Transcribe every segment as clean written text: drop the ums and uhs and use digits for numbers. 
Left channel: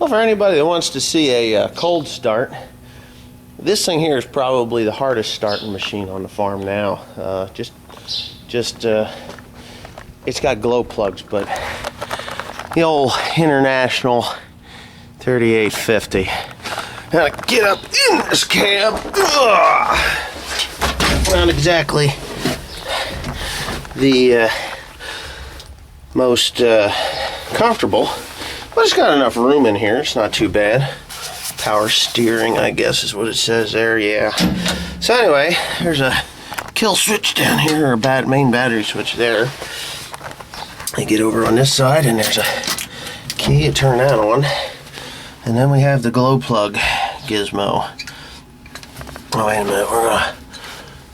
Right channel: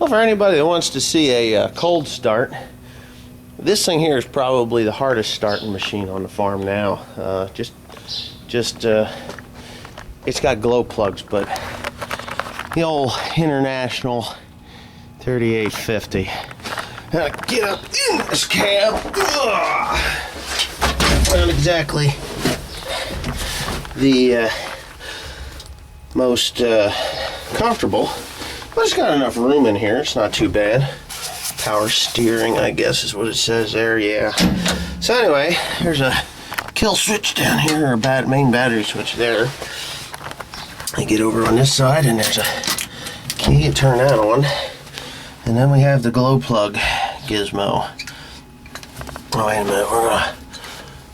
Well, for anybody that wants to see a cold start, this thing here is probably the hardest starting machine on the farm now. It's got glow plugs, but the old International 3850. Now to get up in this cab, not exactly the most comfortable, but it's got enough room in here. It's not too bad. Power steering, I guess is what it says there, yeah. So anyway, there's a kill switch down here, or a main battery switch there. I get over on this side and there's a key to turn that on. And then we have the glow plug gizmo. Oh, wait a minute,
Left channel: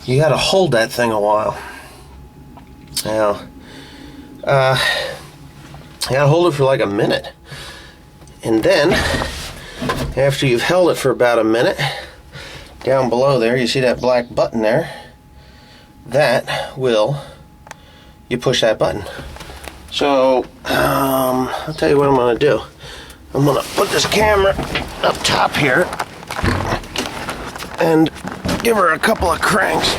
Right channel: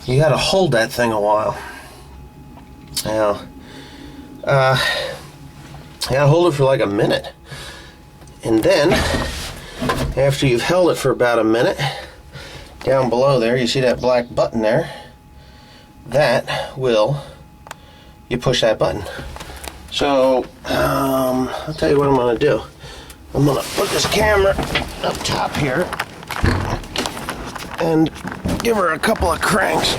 you gotta hold that thing a while. Now, you gotta hold it for like a minute. And then, after you've held it for about a minute, down below there, you see that black button there? You push that button. So, I'll tell you what I'm gonna do. I'm gonna put this camera up top here and give her a couple of cranks.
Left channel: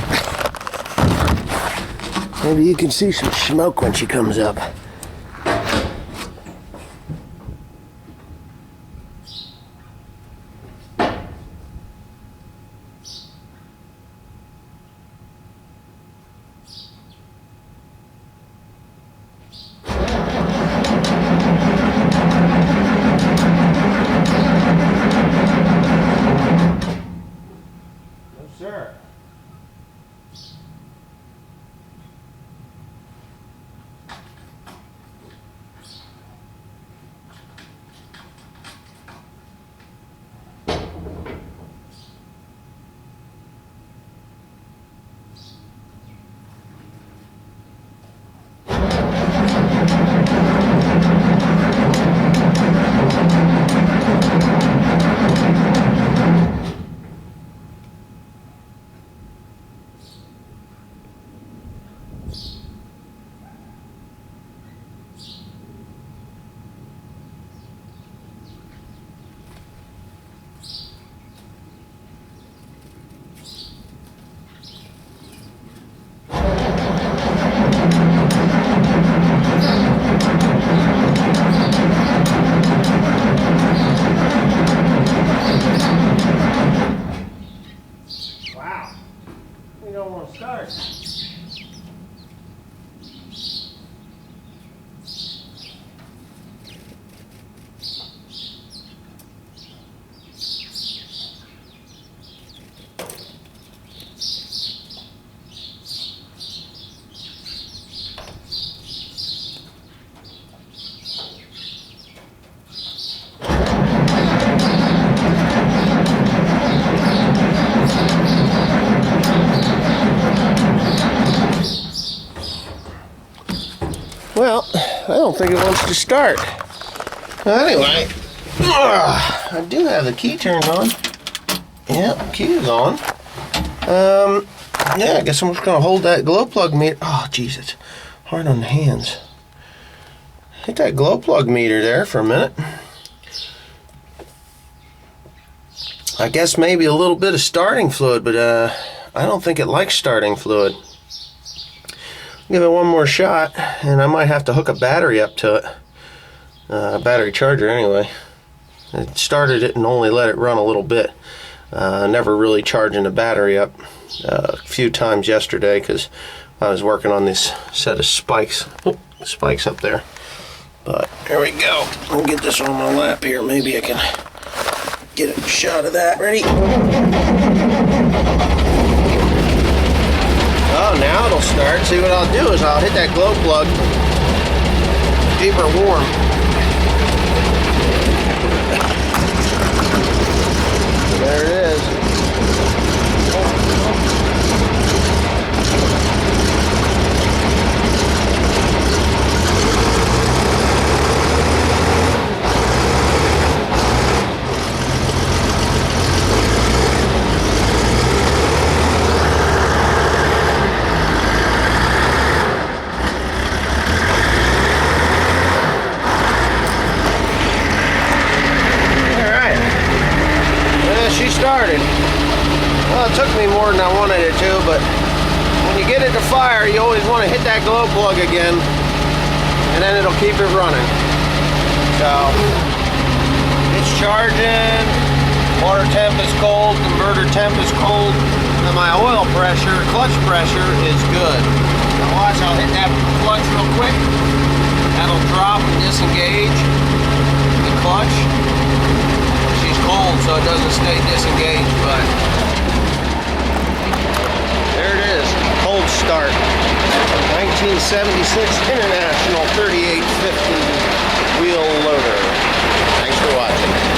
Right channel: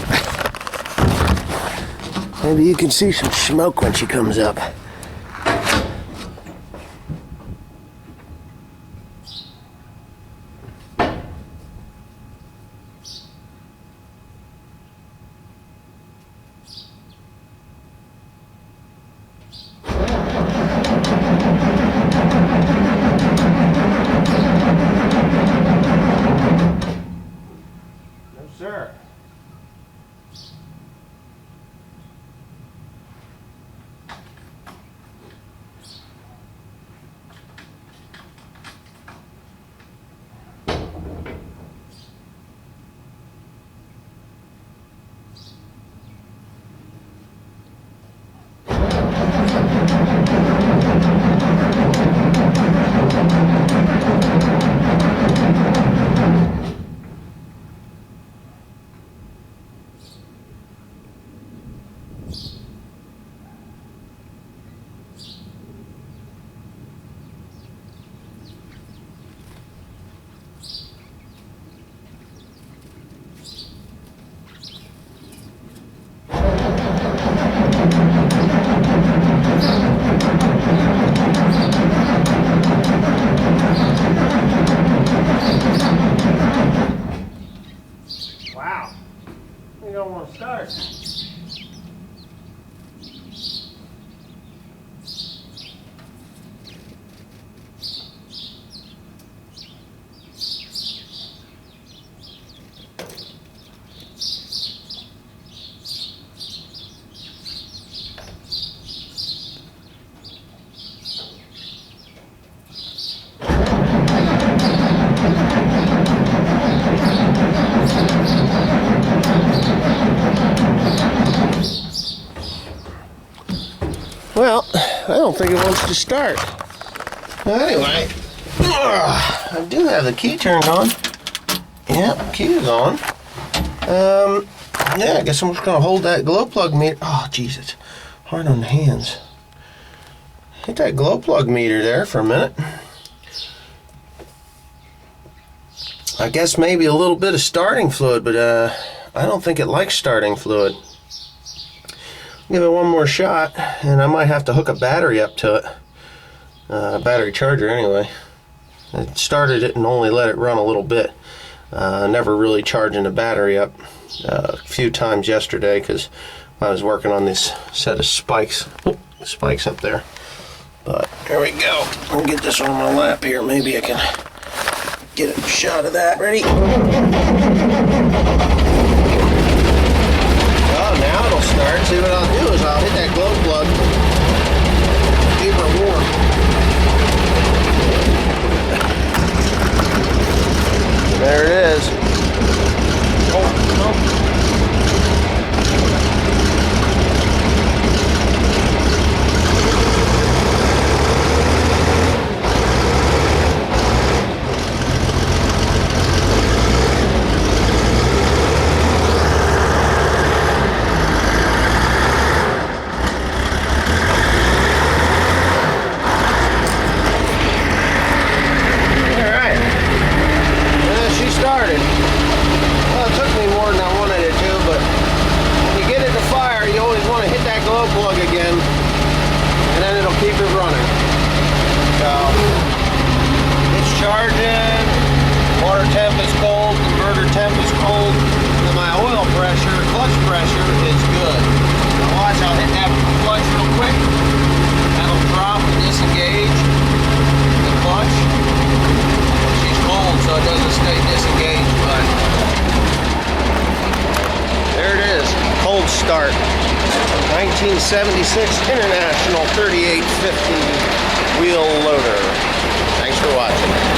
Maybe you can see some smoke when she comes up. Sir. Wow, we don't want to start. Well, I don't think it wants to start. Anyway, I do have the key turned on. Yeah, key is on. Yeah, I guess I'm just gonna hold that glow plug meter. Oh, jeez, it's hard on the hands. Hit that glow plug meter there for a minute. I guess maybe a little bit of starting fluid, but I don't think it likes starting fluid. Give it one more shot, and I might have to hook a battery up to it. Battery charger, anyway. I started it and only let it run a little bit. Never really charging the battery up. A few times yesterday because I was working on this set of spikes. Oh, spikes up there. But there we go. I'll get this on my lap here. Maybe I can get a shot of that. Ready? Oh, now it'll start. See, what I'll do is I'll hit that glow plug, keep her warm. There it is. started. Well, it took me more than I wanted it to, but when you get it to fire, you always want to hit that glow plug again, and then it'll keep it running. So, it's charging, water temp is cold, converter temp is cold, and my oil pressure, clutch pressure is good. Now watch, I'll hit that clutch real quick. That'll drop and disengage the clutch. She's cold, so it doesn't stay disengaged, but there it is, cold start. 1976 International 3850 wheel loader. Thanks for watching.